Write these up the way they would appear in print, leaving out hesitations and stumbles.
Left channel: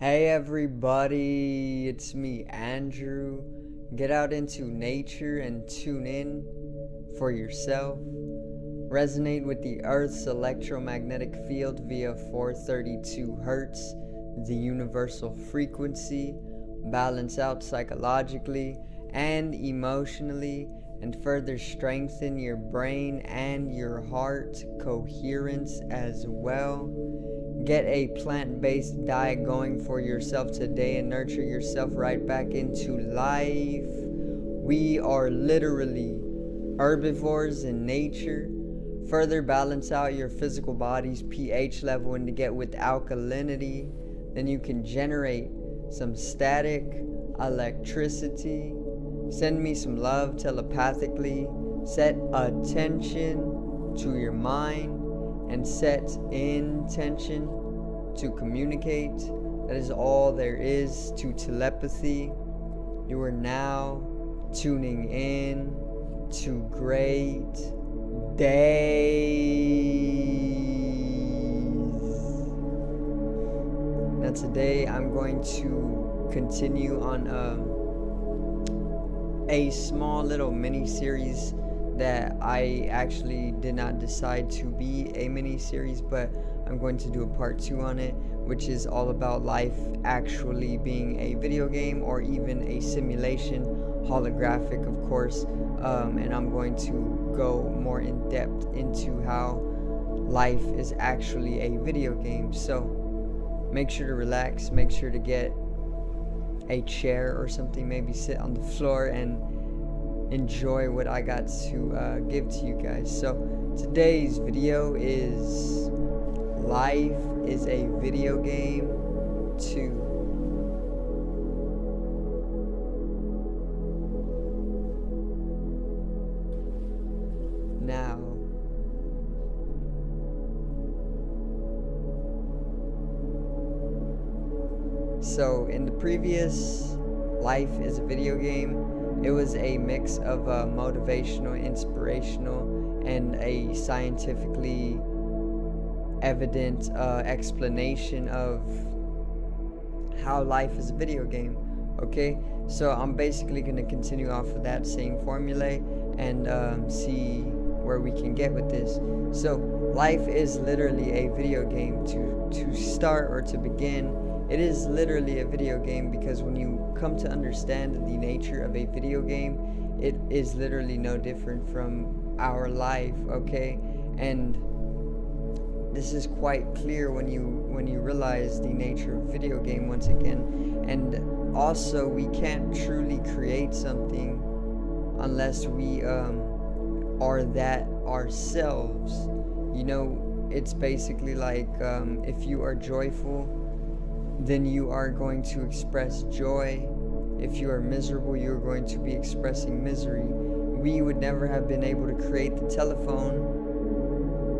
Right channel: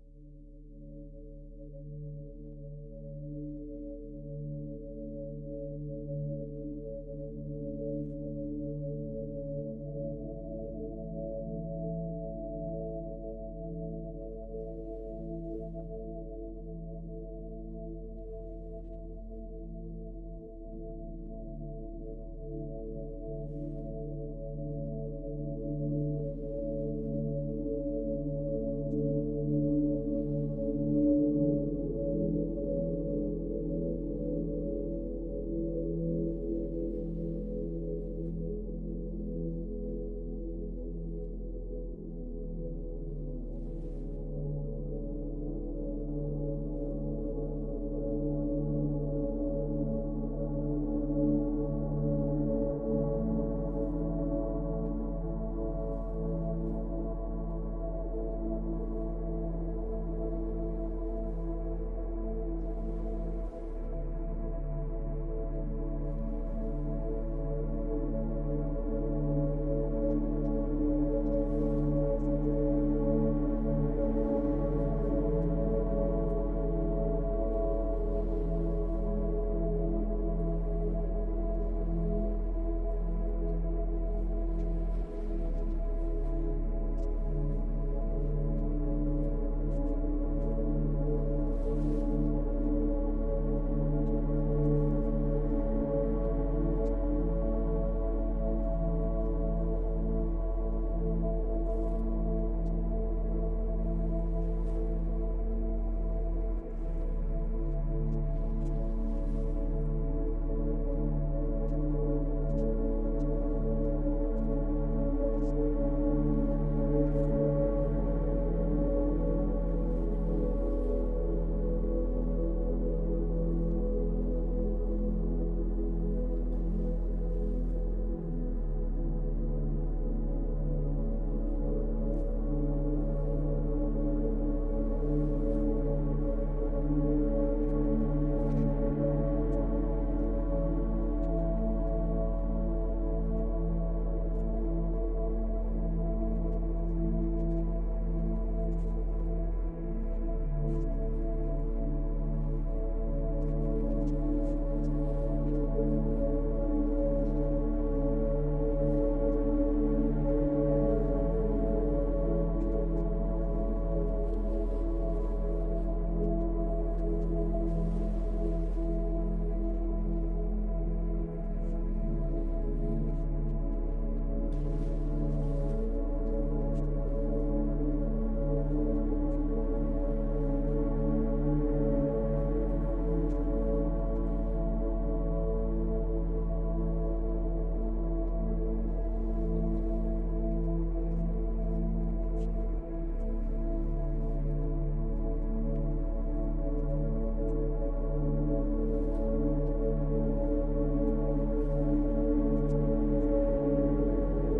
Hey everybody, it's me, Andrew. Get out into nature and tune in for yourself. Resonate with the Earth's electromagnetic field via 432 Hertz, the universal frequency. Balance out psychologically and emotionally, and further strengthen your brain and your heart coherence as well. Get a plant based diet going for yourself today and nurture yourself right back into life. We are literally herbivores in nature. Further balance out your physical body's pH level and to get with alkalinity. Then you can generate some static electricity. Send me some love telepathically. Set attention to your mind and set intention to communicate. That is all there is to telepathy. You are now tuning in to great days. Now today I'm going to continue on a small little mini series that I actually did not decide to be a mini series, but I'm going to do a part 2 on it, which is all about life actually being a video game or even a simulation, holographic of course, and I'm going to go more in depth into how life is actually a video game. So make sure to relax, make sure to get a chair or something, maybe sit on the floor and enjoy what I got to give to you guys. So today's video is life is a video game 2. Now, so in the previous life is a video game, it was a mix of motivational, inspirational, and a scientifically evident explanation of how life is a video game. Okay, so I'm basically going to continue off of that same formula and see where we can get with this. So life is literally a video game. To start or to begin, it is literally a video game because when you come to understand the nature of a video game, it is literally no different from our life, okay? And this is quite clear when you realize the nature of a video game once again. And also, we can't truly create something unless we are that ourselves. You know, it's basically like if you are joyful, then you are going to express joy. If you are miserable, you are going to be expressing misery. We would never have been able to create the telephone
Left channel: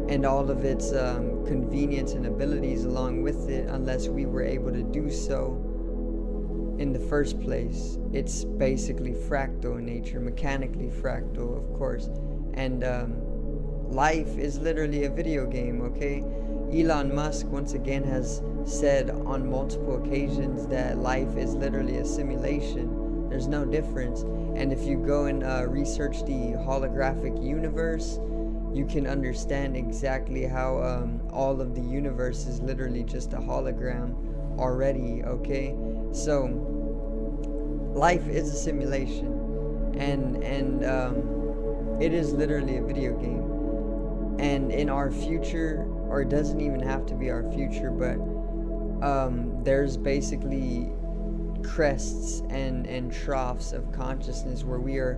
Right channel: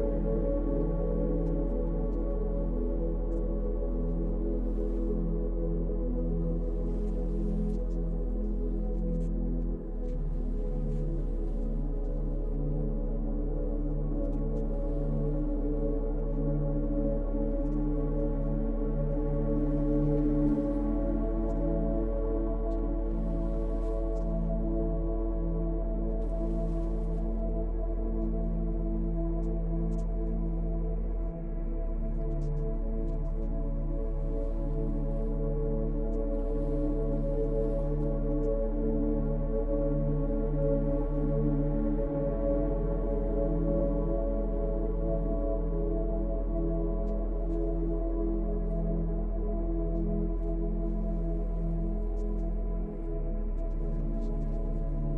and all of its convenience and abilities along with it unless we were able to do so in the first place. It's basically fractal in nature, mechanically fractal, of course. And life is literally a video game, okay? Elon Musk once again has said on multiple occasions that life is literally a simulation. There's no difference. And if you go and research the holographic universe, you can understand exactly how all of the universe is literally just a hologram already, okay? So life is a simulation, and it is literally a video game. And in our future, or it doesn't even have to be our future, but there's basically crests and troughs of consciousness where we are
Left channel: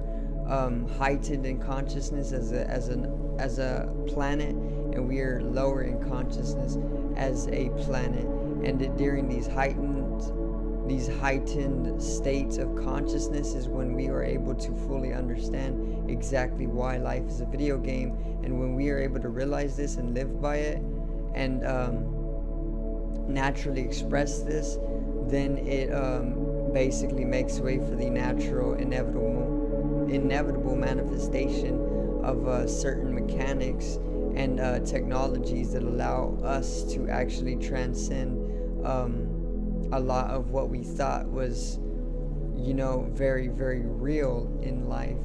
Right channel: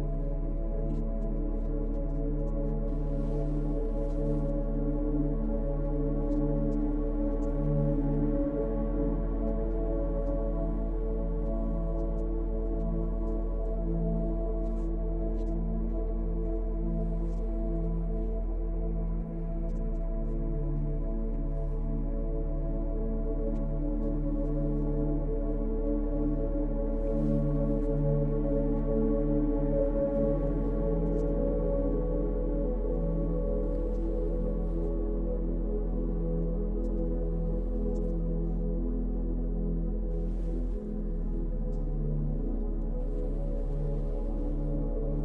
heightened in consciousness as a planet, and we are lower in consciousness as a planet. And during these heightened states of consciousness is when we are able to fully understand exactly why life is a video game. And when we are able to realize this and live by it and naturally express this, then it basically makes way for the natural inevitable manifestation of certain mechanics and technologies that allow us to actually transcend a lot of what we thought was, very, very real in life.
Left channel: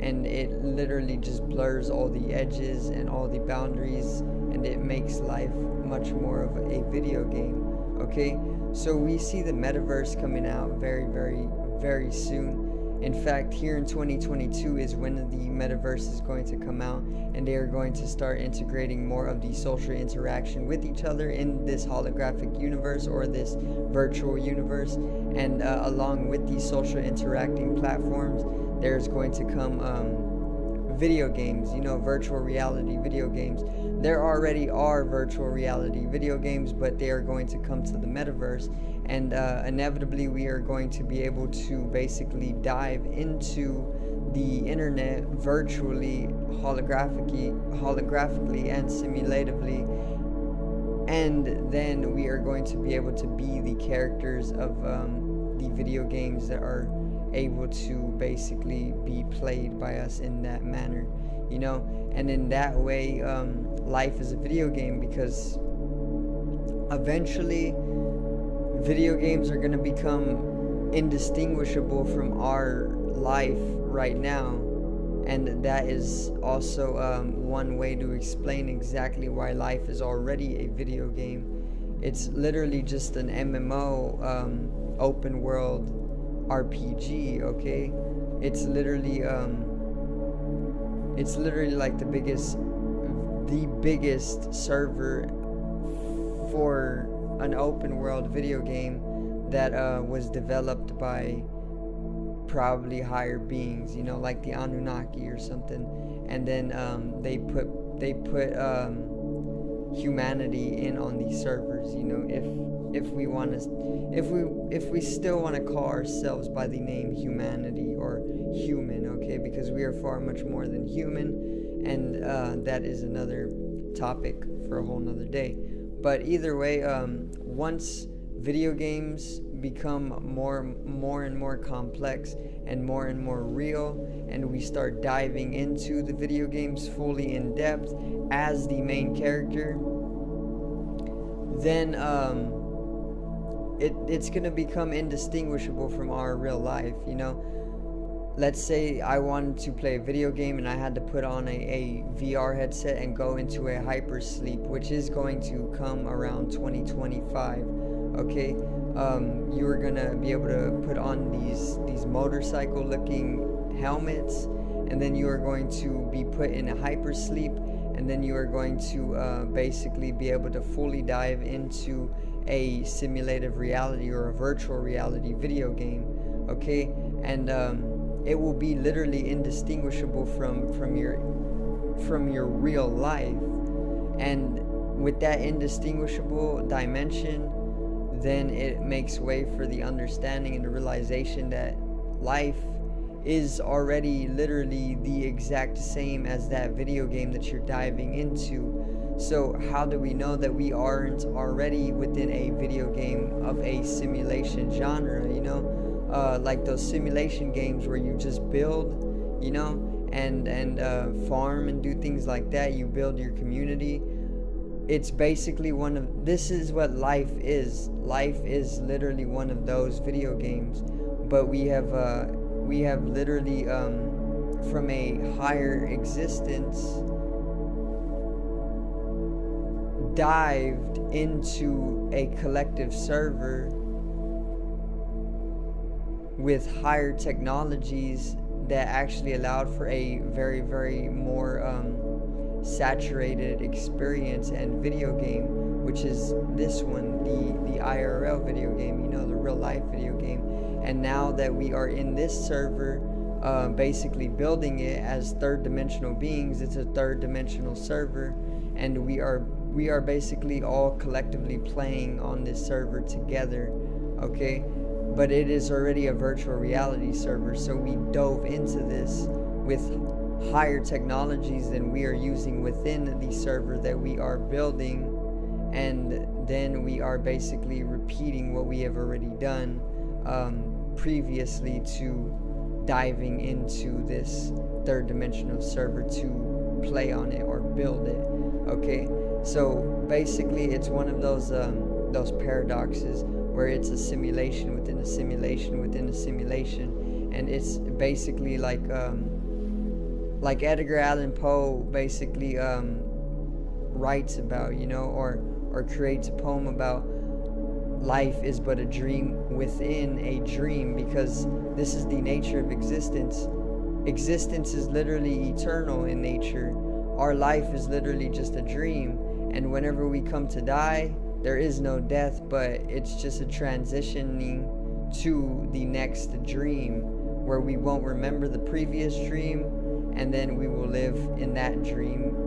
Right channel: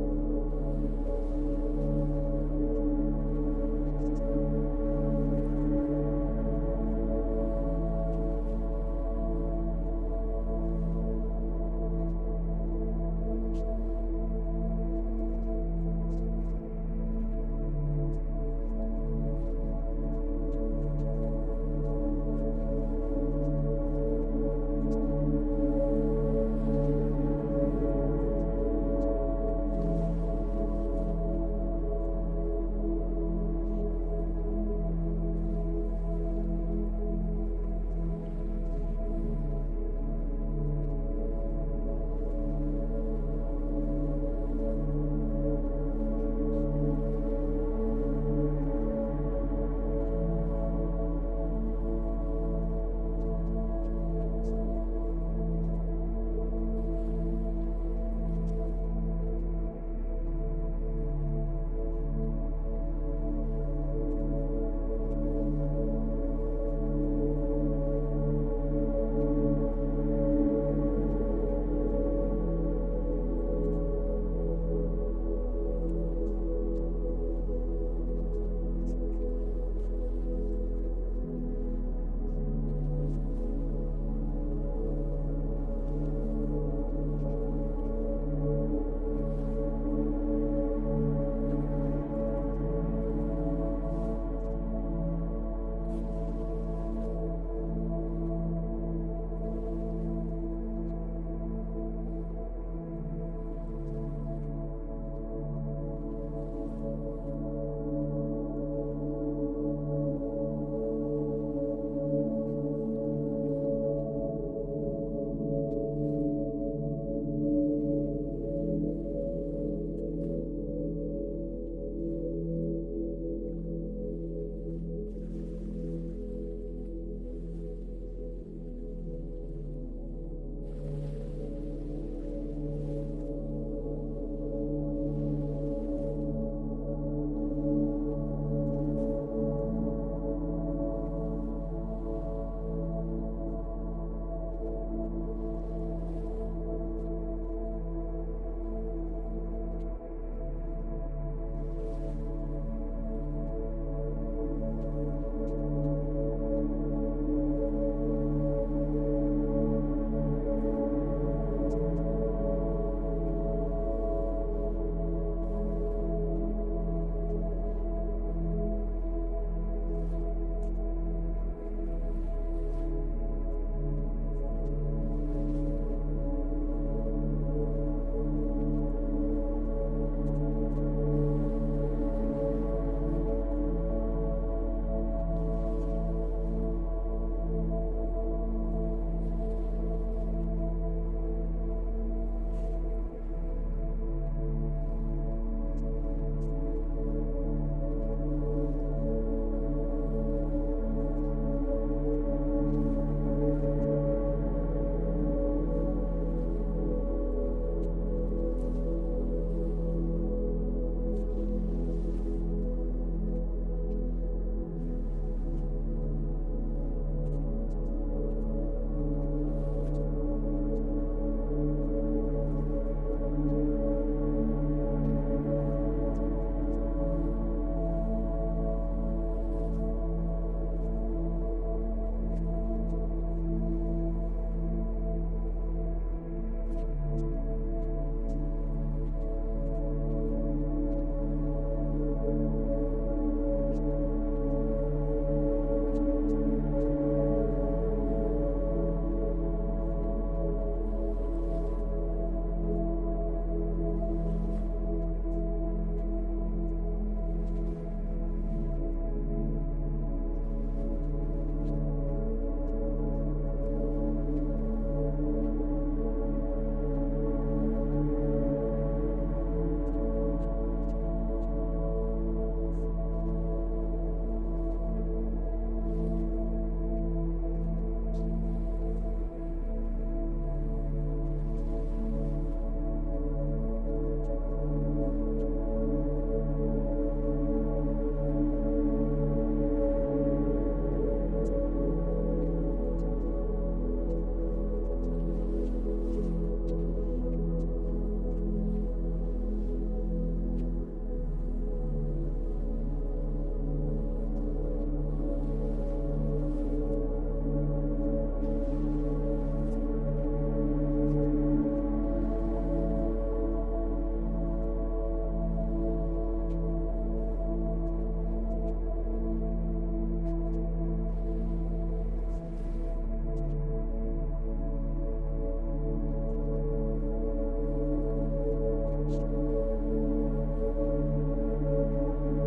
And it literally just blurs all the edges and all the boundaries, and it makes life much more of a video game. Okay, so we see the metaverse coming out very, very, very soon. In fact, here in 2022 is when the metaverse is going to come out, and they are going to start integrating more of the social interaction with each other in this holographic universe or this virtual universe. And along with these social interacting platforms, there's going to come video games, virtual reality video games. There already are virtual reality video games, but they are going to come to the metaverse, and inevitably we are going to be able to basically dive into the internet virtually, holographically and simulatively, and then we are going to be able to be the characters of the video games that are able to basically be played by us in that manner, and in that way life is a video game, because eventually video games are going to become indistinguishable from our life right now. And that is also one way to explain exactly why life is already a video game. It's literally just an MMO, open world RPG. Okay, it's literally like the biggest server for an open world video game that was developed by probably higher beings, like the Anunnaki or something. And then they put humanity in on these servers. If we still want to call ourselves by the name humanity or human, okay, because we are far much more than human, and that is another topic for a whole nother day. But either way, once video games become more and more complex and more real, and we start diving into the video games fully in depth as the main character, then it's gonna become indistinguishable from our real life. Let's say I wanted to play a video game and I had to put on a VR headset and go into a hypersleep, which is going to come around 2025. Okay, you are gonna be able to put on these motorcycle looking helmets, and then you are going to be put in a hypersleep, and then you are going to basically be able to fully dive into a simulative reality or a virtual reality video game. Okay, and it will be literally indistinguishable from your real life. And with that indistinguishable dimension, then it makes way for the understanding and the realization that life is already literally the exact same as that video game that you're diving into. So how do we know that we aren't already within a video game of a simulation genre? Like those simulation games where you just build, and farm and do things like that. You build your community. It's basically this is what life is. Life is literally one of those video games, but we have literally from a higher existence dived into a collective server with higher technologies that actually allowed for a very, very more saturated experience and video game, which is this one, the IRL video game, the real life video game. And now that we are in this server, basically building it as third dimensional beings, it's a third dimensional server, and we are basically all collectively playing on this server together. Okay, but it is already a virtual reality server, so we dove into this with higher technologies than we are using within the server that we are building, and then we are basically repeating what we have already done previously to diving into this third dimensional server to play on it or build it. Okay, so basically it's one of those paradoxes where it's a simulation within a simulation within a simulation, and it's basically like Edgar Allan Poe basically writes about, or creates a poem about life is but a dream within a dream, because this is the nature of existence. Existence is literally eternal in nature. Our life is literally just a dream, and whenever we come to die, there is no death, but it's just a transitioning to the next dream, where we won't remember the previous dream, and then we will live in that dream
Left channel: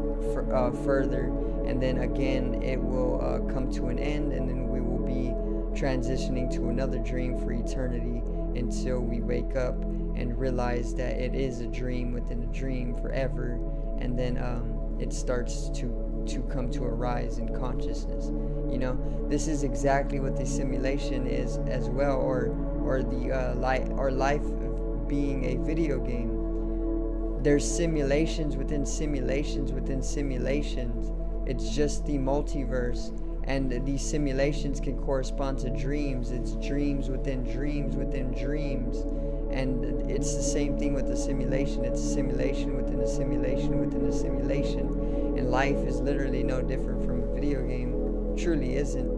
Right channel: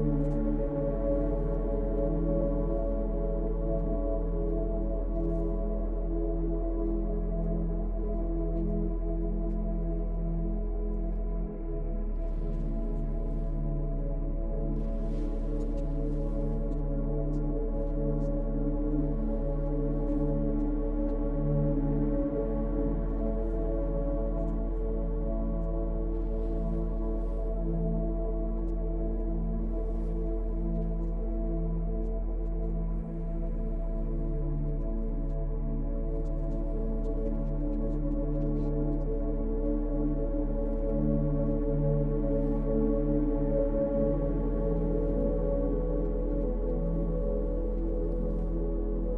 further, and then again it will come to an end, and then we will be transitioning to another dream for eternity, until we wake up and realize that it is a dream within a dream forever, and then it starts to come to a rise in consciousness. This is exactly what the simulation is as well, or life being a video game. There's simulations within simulations within simulations. It's just the multiverse, and these simulations can correspond to dreams. It's dreams within dreams within dreams, and it's the same thing with the simulation. It's a simulation within a simulation within a simulation, and life is literally no different from a video game. Truly isn't.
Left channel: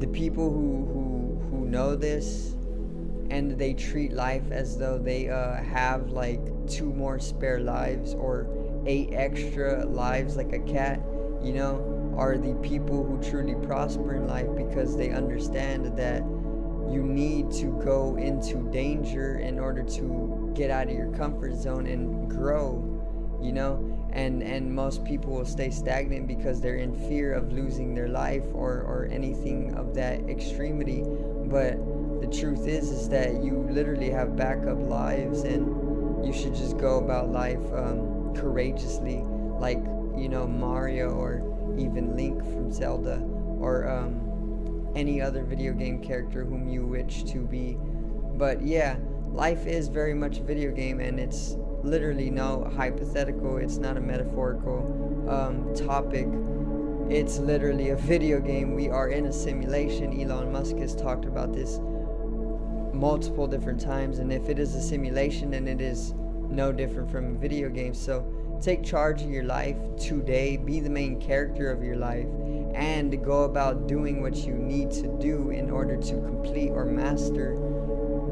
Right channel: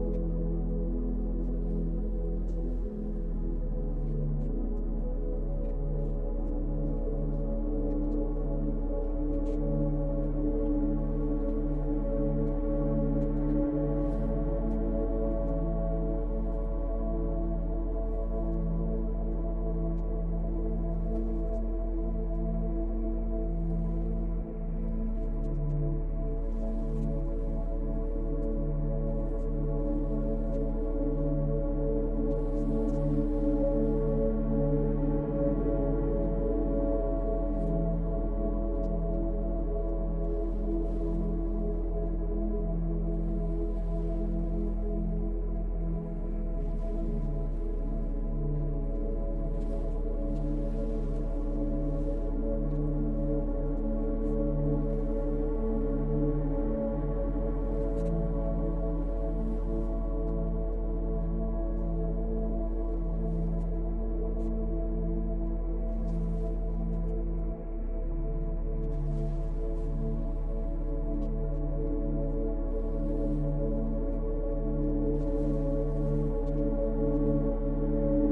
The people who know this, and they treat life as though they have like 2 more spare lives or 8 extra lives like a cat, are the people who truly prosper in life, because they understand that you need to go into danger in order to get out of your comfort zone and grow, and most people will stay stagnant because they're in fear of losing their life or anything of that extremity. But the truth is that you literally have backup lives, and you should just go about life courageously, like Mario, or even Link from Zelda, or any other video game character whom you wish to be. But yeah, life is very much a video game, and it's literally no hypothetical. It's not a metaphorical topic. It's literally a video game. We are in a simulation. Elon Musk has talked about this multiple different times, and if it is a simulation, then it is no different from a video game. So take charge of your life today, be the main character of your life, and go about doing what you need to do in order to complete or master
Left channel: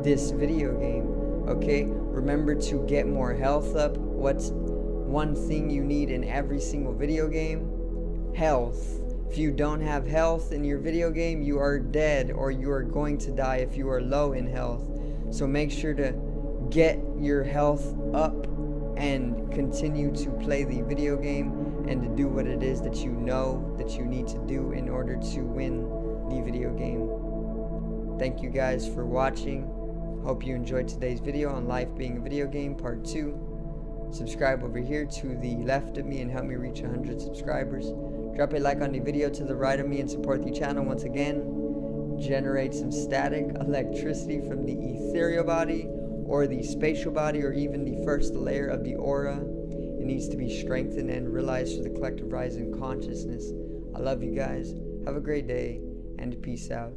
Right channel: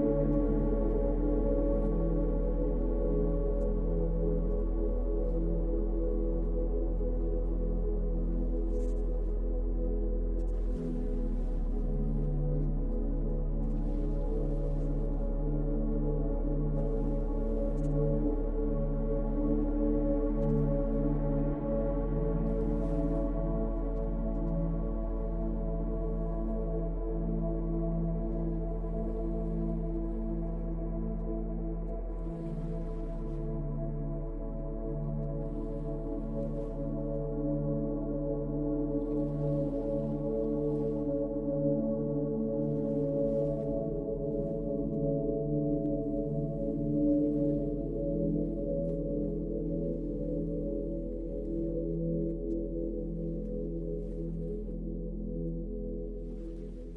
this video game. Okay, remember to get more health up. What's one thing you need in every single video game? Health. If you don't have health in your video game, you are dead, or you are going to die if you are low in health. So make sure to get your health up and continue to play the video game, and to do what it is that you know that you need to do in order to win the video game. Thank you guys for watching. Hope you enjoyed today's video on Life Being a Video Game Part 2. Subscribe over here to the left of me and help me reach 100 subscribers. Drop a like on the video to the right of me and support the channel once again. Generate some static electricity from the ethereal body, or the spatial body, or even the first layer of the aura. It needs to be strengthened and realized through the collective rise in consciousness. I love you guys. Have a great day, and peace out.